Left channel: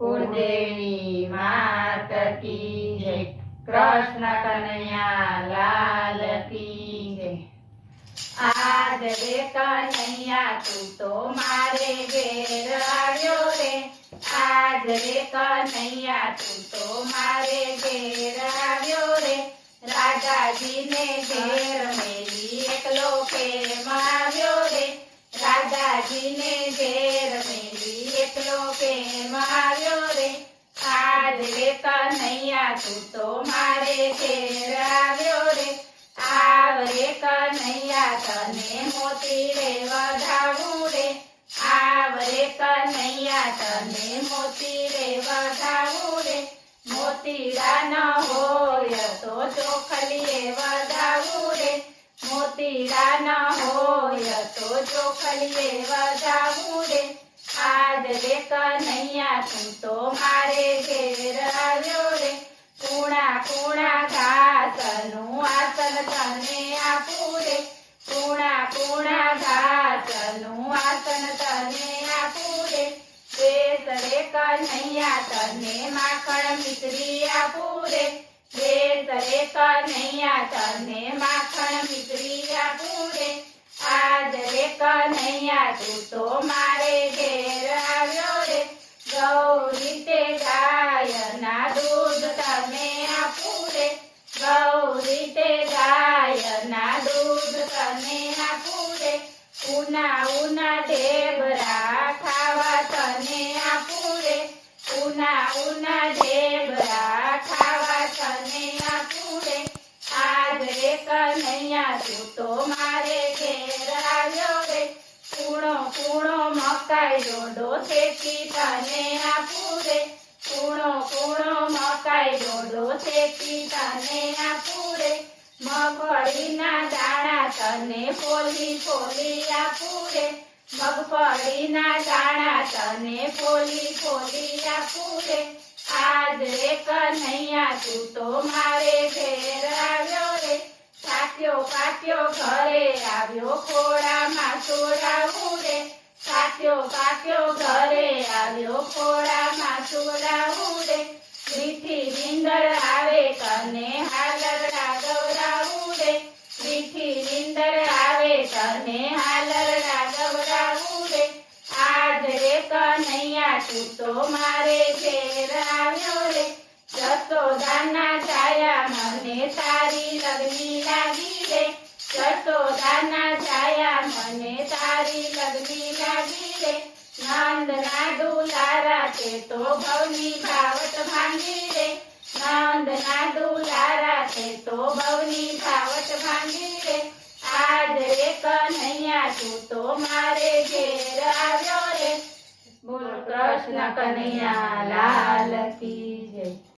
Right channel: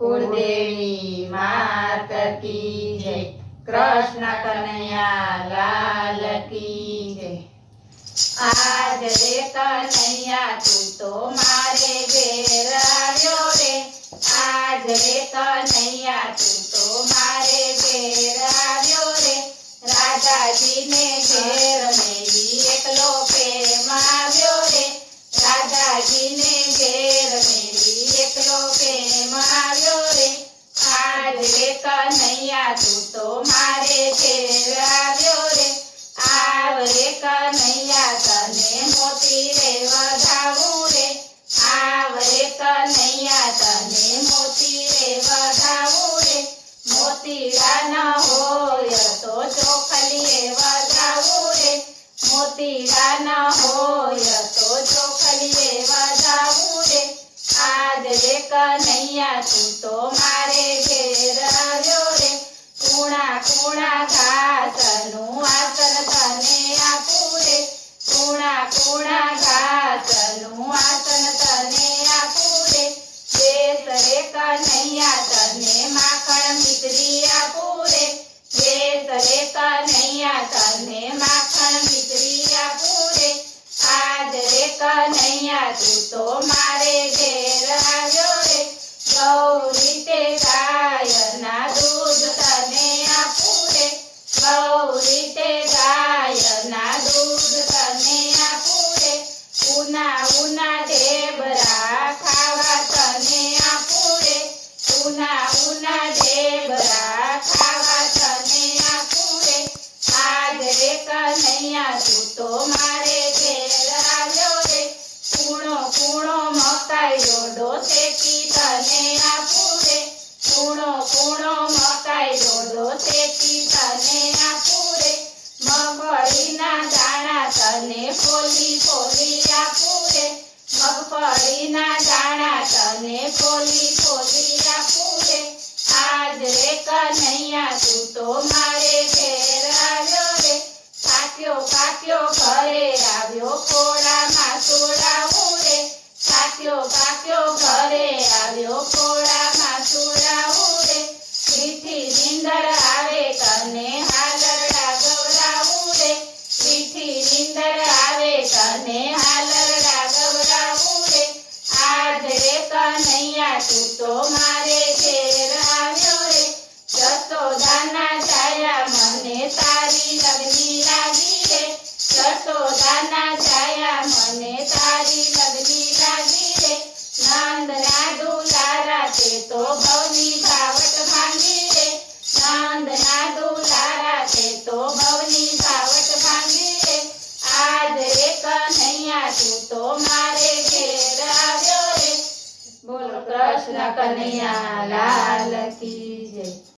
कुलदेवी मात की जय। कृष्ण कन्हैया लाल की जय। आज रे कन्हैया तू तो मारे घेर आव्यो रे। आज रे कन्हैया तू तो मारे घेर आव्यो रे। राजाजी ने घेर मेली एकलो प्रेम आव्यो रे। राजाजी ने घेर मेली एकलो प्रेम आव्यो रे। आज रे कन्हैया तू तो मारे घेर आव्यो रे। आव रे कन्हैया तने मोती रे वधावू रे। आव रे कन्हैया तने मोती रे वधावू रे। मोतीड़ा न होय तो चोखलीए वधावू रे। मोतीड़ा न होय तो चोखलीए वधावू रे। आज रे कन्हैया तू तो मारे घेर आव्यो रे। कूणा कूणा घासनु आसन तने आपू रे। कूणा कूणा घासनु आसन तने आपू रे। देश रे कन्हैया तने माखण मिश्री आपू रे। देश रे कन्हैया तने माखण मिश्री आपू रे। आज रे कन्हैया तू तो मारे घेर आव्यो रे। गौरी ते गायना दूध तने आपू रे। गौरी ते गायना दूध तने आपू रे। उना उना ढेबरा खावा तने आपू रे। उना उना ढेबरा खावा तने आपू रे। आज रे कन्हैया तू तो मारे घेर आव्यो रे। कूणो कूणो मकाई डोडो शेकी तने आपू रे। कूणो कूणो मकाई डोडो शेकी तने आपू रे। मगफळीना दाणा तने फोली फोली आपू रे। मगफळीना दाणा तने फोली फोली आपू रे। आज रे कन्हैया तू तो मारे घेर आव्यो रे। काक्यो काक्यो घरे आव्यो खोळामां सोडावू रे। काक्यो काक्यो घरे आव्यो खोळामां सोडावू रे। मीठी નીંદર આવે તને હાલરડા ગવડાવું રે। મીઠી નીંદર આવે તને હાલરડા ગવડાવું રે। આજ રે કન્હૈયા તું તો મારે ઘેર આવ્યો રે। જશોદાના છાયા મને તારી લગની લાગી રે। જશોદાના છાયા મને તારી લગની લાગી રે। નંદના દુલારા તે તો ભવની ભાવટ ભાંગી રે। નંદના દુલારા તે તો ભવની ભાવટ ભાંગી રે। આજ રે કન્હૈયા તું તો મારે ઘેર આવ્યો રે। બોલો કૃષ્ણ કનૈયા લાલ કી જય।